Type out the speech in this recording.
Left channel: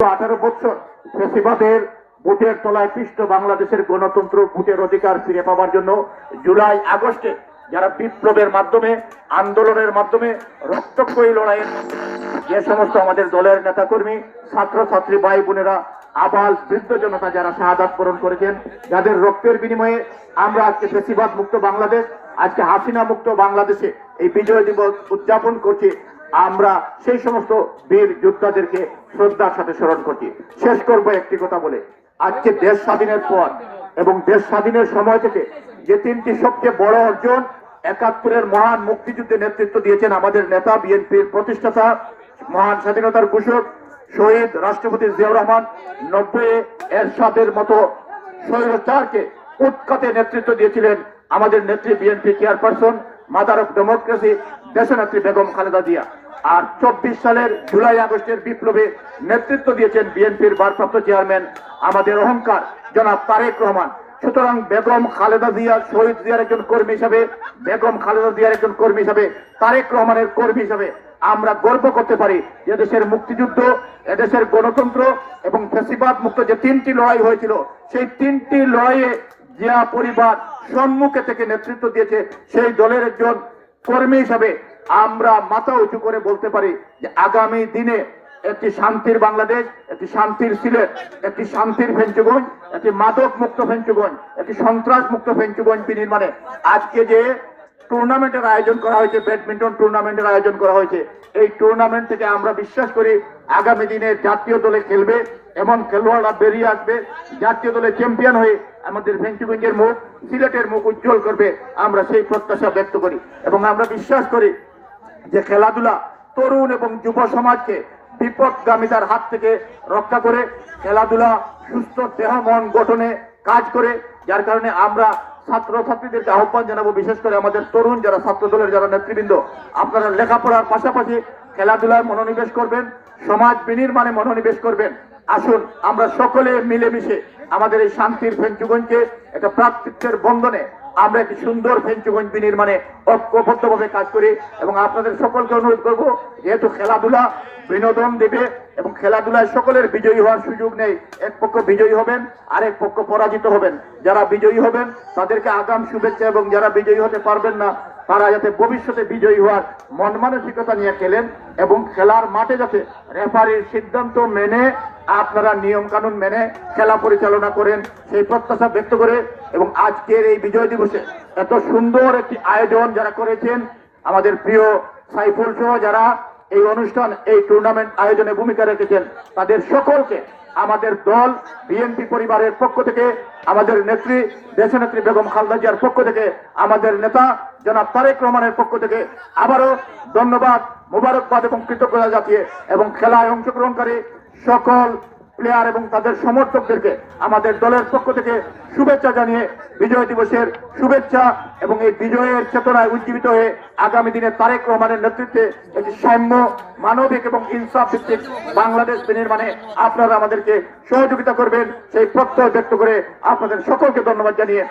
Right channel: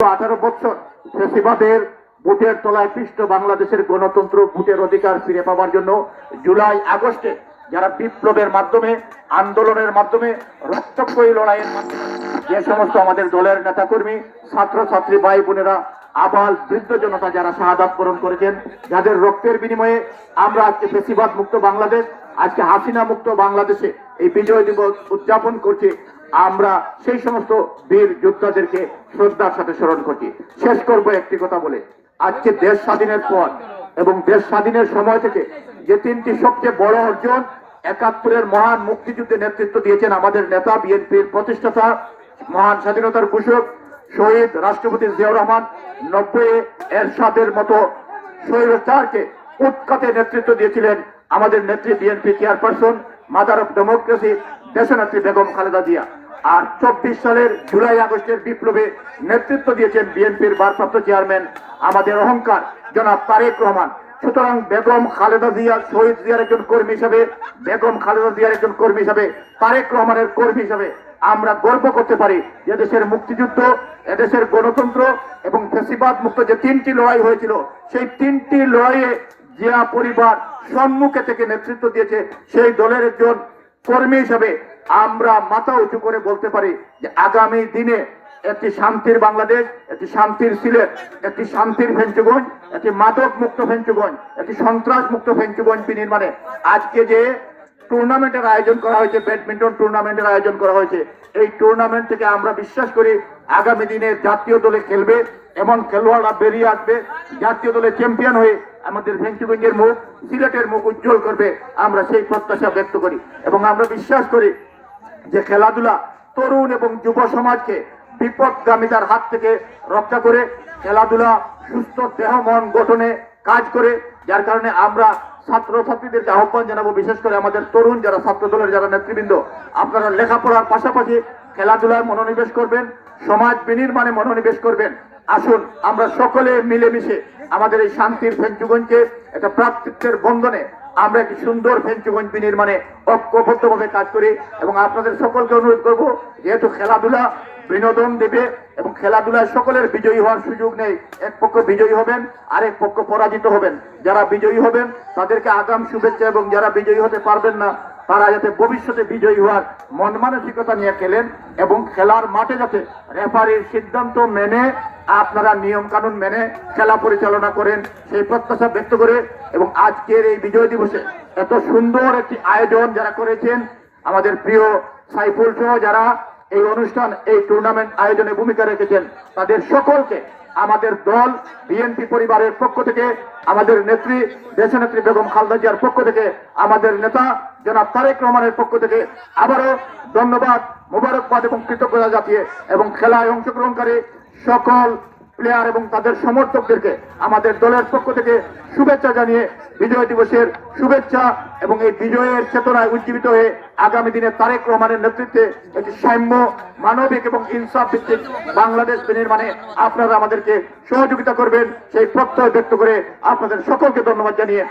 18 বছর ফেসিবাদের বুটের তলায় পিষ্ট বাংলাদেশের গণতন্ত্র ভোটের অধিকার ফিরে পাওয়ার জন্য জুলাই আগস্টে যারা বিপ্লবের মাধ্যমে আন্দোলনের মাধ্যমে রক্তক্ষয়ী লড়াইয়ের মাধ্যমে যে সমস্ত আমাদের দলের নেতাকর্মী ছাত্রছাত্রী ভাই বোনেরা আবাল বৃদ্ধ জনতা যারা শাহাদাত বরণ করেছেন, যাদের রক্তের বিনিময়ে আমরা আজকে ফেসিবাদ মুক্ত বাংলাদেশ, আজকে হাসিনা মুক্ত বাংলাদেশে এই বিজয় দিবস উদযাপন করছি, আমরা সেই সমস্ত বীর যোদ্ধাদেরকে শ্রদ্ধার সাথে স্মরণ করছি। শেষ করব একটি কথা বলে, আজকে দেশ স্বাধীনের পর এবং দেশ স্বাধীনের সময় থেকে যে তিনটি সবচেয়ে বড় অর্জন, 71-এর মহান মুক্তিযুদ্ধে নেতৃত্ব দিয়েছেন আমাদের নেতা, বিএনপির প্রতিষ্ঠাতা, মহান স্বাধীনতার ঘোষক শহীদ রাষ্ট্রপতি জিয়াউর রহমান, 90-এ এরশাদের মতো স্বৈরাচারকে উৎখাতে নেতৃত্ব দিয়েছিলেন আমাদের নেত্রী, BNP chairperson, mother of democracy দেশনেত্রী বেগম খালেদা জিয়া। আর 24 সালের জুলাই আগস্টের বিপ্লবে নেতৃত্ব দিয়েছেন বিএনপির ভারপ্রাপ্ত চেয়ারম্যান, আমাদের অহংকার জনাব তারেক রহমান। সুতরাং বেগম খালেদা জিয়া শহীদ জিয়ার একজন কর্মী হিসাবে, বেগম খালেদা জিয়ার একজন কর্মী হিসাবে, তারেক রহমানের কর্মী হিসাবে আমরা গর্ব করতে পারি যে দেশের মুক্তিযুদ্ধ, এদেশের গণতন্ত্র এবং ফ্যাসিবাদ মুক্ত যে তিনটি লড়াই হয়েছিল, সেই তিনটি লড়াইয়ে জিয়া পরিবার সম্মুখে থেকে নেতৃত্ব দিয়েছে। সেই দলের একজন কর্মী হিসাবে আমরা মাথা উঁচু করে বলতে পারি যে আগামী দিনে একটি শান্তির বাংলাদেশ, একটি শান্তির সিলেট, একটি শান্তির ফেঞ্চুগঞ্জ, একটি মাদক মুক্ত ফেঞ্চুগঞ্জ, একটি সন্ত্রাস মুক্ত ফেঞ্চুগঞ্জ বিনির্মাণে আজকে যে টুর্নামেন্টের আয়োজন করা হয়েছে, ব্যাডমিন্টন টুর্নামেন্টের আয়োজন করা হয়েছে, এই টুর্নামেন্ট থেকে আমরা বিশ্বাস করি আগামী দিনে জাতীয় দলে খেলবে এমন খেলোয়াড়রা বেরিয়ে আসবে, জাতীয় দলে চ্যাম্পিয়ন হয়ে আমাদের ফেঞ্চুগঞ্জের মুখ, সিলেটের মুখ উজ্জ্বল করবে, আমরা সেই প্রত্যাশা ব্যক্ত করি। এবং আমরা বিশ্বাস করি যে খেলাধুলা তরুণ এবং যুব সমাজকে বিপদগামীদের হাত থেকে রক্ষা করে, খেলাধুলা সুস্থ দেহ মন গঠনে কাজ করে, যার কারণে আমরা ছাত্রছাত্রীদেরকে আহ্বান জানাবো, বিশেষ করে আমাদের তরুণ যারা ছাত্র দলের যারা নেতৃবৃন্দ, আপনারা লেখাপড়ার পাশাপাশি খেলাধুলায় মনোনিবেশ করবেন, সমাজ বিনির্মাণে মনোনিবেশ করবেন। আসুন আমরা সকলে মিলেমিশে আমাদের এই শান্তির ফেঞ্চুগঞ্জকে একটা ভ্রাতৃত্বের বন্ধনে আমরা একটি সুন্দর ফেঞ্চুগঞ্জ বিনির্মাণে ঐক্যবদ্ধভাবে কাজ করি। এবং আপনাদের সকলকে অনুরোধ করব, যেহেতু খেলাধুলা বিনোদন দেবে এবং খেলাধুলায় সকলের বিজয়ী হওয়ার সুযোগ নেই, এক পক্ষ বিজয়ী হবেন আরেক পক্ষ পরাজিত হবেন। যারা বিজয়ী হবেন তাদেরকে আগাম শুভেচ্ছা, এবং যারা বিজয়ী হতে পারবেন না তারা যাতে ভবিষ্যতে বিজয়ী হওয়ার মন মানসিকতা নিয়ে খেলেন এবং খেলার মাঠে যাতে রেফারির সিদ্ধান্ত মেনে আপনারা নিয়ম কানুন মেনে খেলা পরিচালনা করেন, সেই প্রত্যাশা ব্যক্ত করে এবং আজকের এই বিজয় দিবসে এত সুন্দর একটি আয়োজন যারা করেছেন, আমাদের প্রিয় সাইফুল সহ যারা এই অনুষ্ঠান, এই টুর্নামেন্ট আয়োজনে ভূমিকা রেখেছেন, তাদের সকলকে আমাদের দল বিএনপি পরিবারের পক্ষ থেকে, আমাদের নেত্রী দেশনেত্রী বেগম খালেদা জিয়ার পক্ষ থেকে, আমাদের নেতা জনাব তারেক রহমানের পক্ষ থেকে আবারও ধন্যবাদ, মোবারকবাদ এবং কৃতজ্ঞতা জানিয়ে এবং খেলায় অংশগ্রহণকারী সকল প্লেয়ার এবং তাদের সমর্থকদেরকে আমাদের দলের পক্ষ থেকে শুভেচ্ছা জানিয়ে বিজয় দিবসের শুভেচ্ছা এবং এই বিজয়ের চেতনায় উজ্জীবিত হয়ে আগামী দিনে তারেক রহমানের নেতৃত্বে একটি সাম্য, মানবিক এবং ইনসাফ ভিত্তিক বাংলাদেশ বিনির্মাণে আপনারা আমাদেরকে সহযোগিতা করবেন, সেই প্রত্যয় ব্যক্ত করে আপনাদের সকলকে ধন্যবাদ জানিয়ে